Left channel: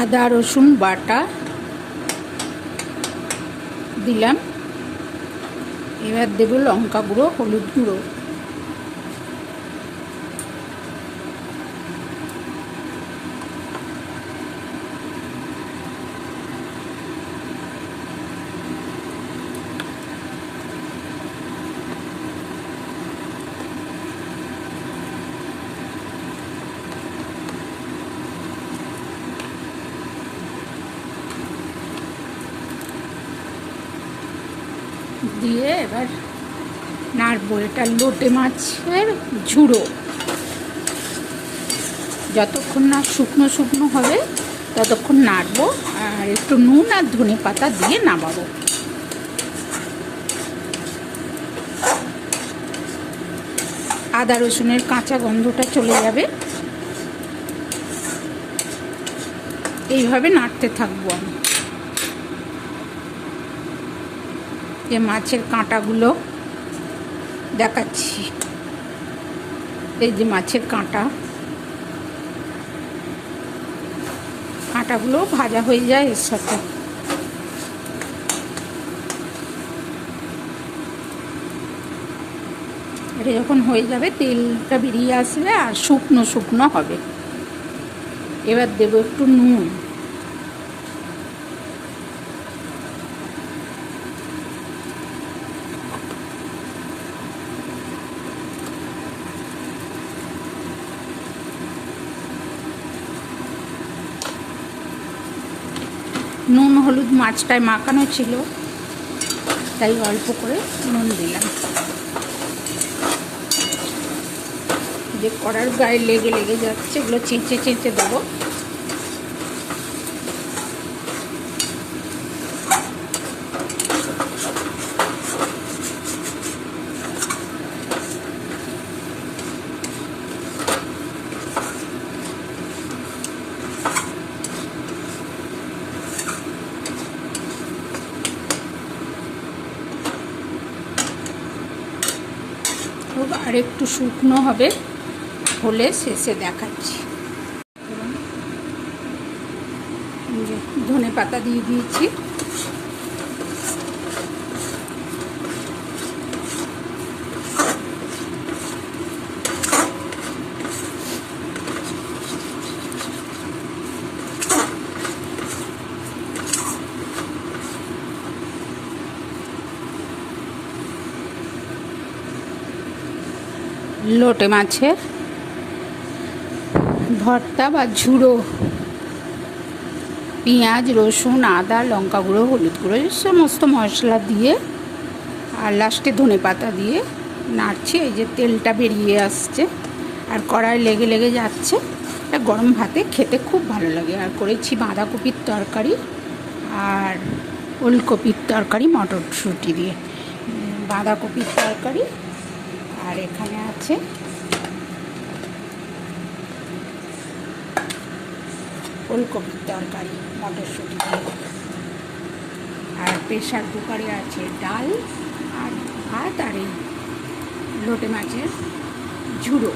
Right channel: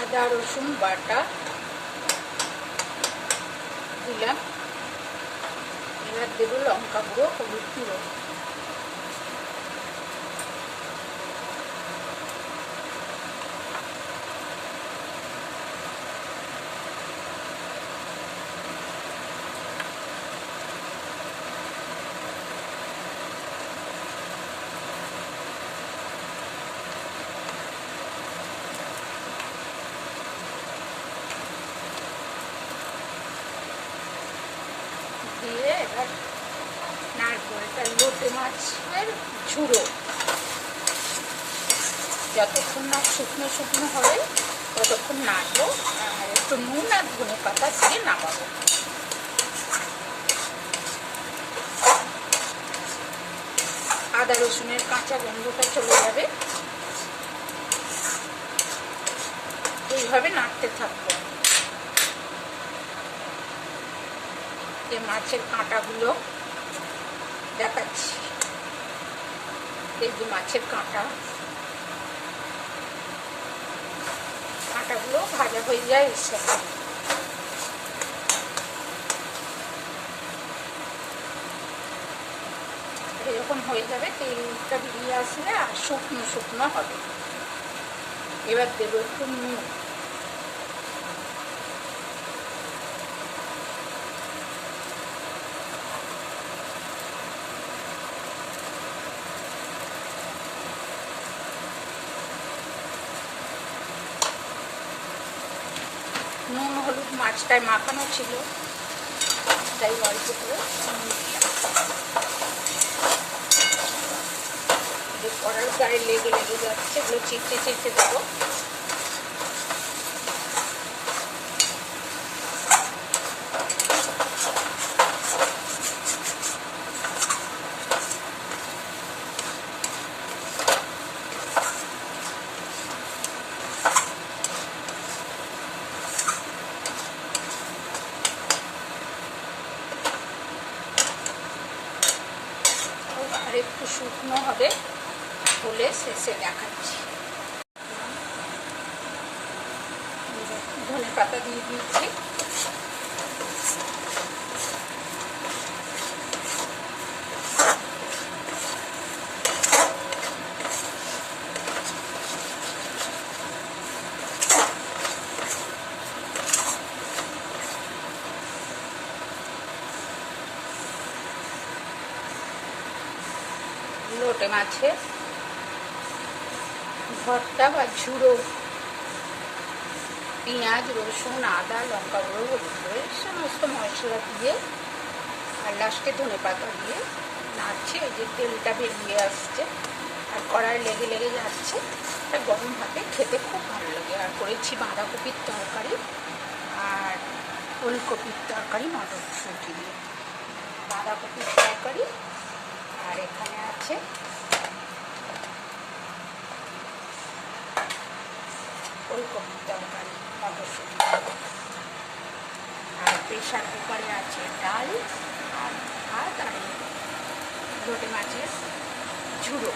আদা রসুন বাটা দিলাম। এবার দেবো লঙ্কা গুঁড়ো হলুদ গুঁড়ো। দিয়ে এবার নাড়বো এটা লোটে মাছের ঝুড়ো। যতক্ষণ না শুকনো শুকনো হবে, ততক্ষণ নাড়বো আর একটু নুন আর ধনে পাতা দিয়ে নামাবো। আদা রসুনের কাঁচা গন্ধটা চলে যাবে। এইভাবে নাড়তে থাকব আমি। যে মাছের কাঁটাগুলো দেখাচ্ছি। এই যে মাছের কাঁটা। কাঁটাগুলো ভাজা হয়ে যায় এর সাথে। যখন হয়ে যাবে, তেলটা বেরিয়ে আসবে আর শুকনো শুকনো হবে। এবার দেবো একটু নুন। নুন, হলুদ মাছটায় মাখানো ছিল। তাই অল্প করে নুন দিলাম। যে কড়ার গায়ে লেগে লেগে যাচ্ছে, এগুলো চিঁচে চিঁচে দেবো আর একটু শুকনো হবে হলে শেষে দেখাচ্ছি। ধনে পাতা দিয়ে দিয়েছি। লোটে মাছের ভর্তা বা ঝুড়ো। পেঁয়াজ, রসুন, আদা, লঙ্কা গুঁড়ো, হলুদ গুঁড়ো সমস্ত মশলা দিয়ে আর লাস্টে ধনে পাতা দিয়ে নাড়ছি। এই যে তেলটা বেরিয়ে আসছে আর কড়াই লেগে লেগে যাচ্ছে। এটা গরম ভাতে খেতে খুব ভালো লাগে। আর করেছি বাঁধাকপির তরকারি আর ওলকপির তরকারি, মটরশুঁটি দিয়ে। বাঁধাকপির তরকারি আর এখানে আছে ফুলকপির তরকারি, মটরশুটি। আর প্রেশার কুকারে আছে ডাল আর ভাত আর এই লোটে মাছের ঝুড়ো।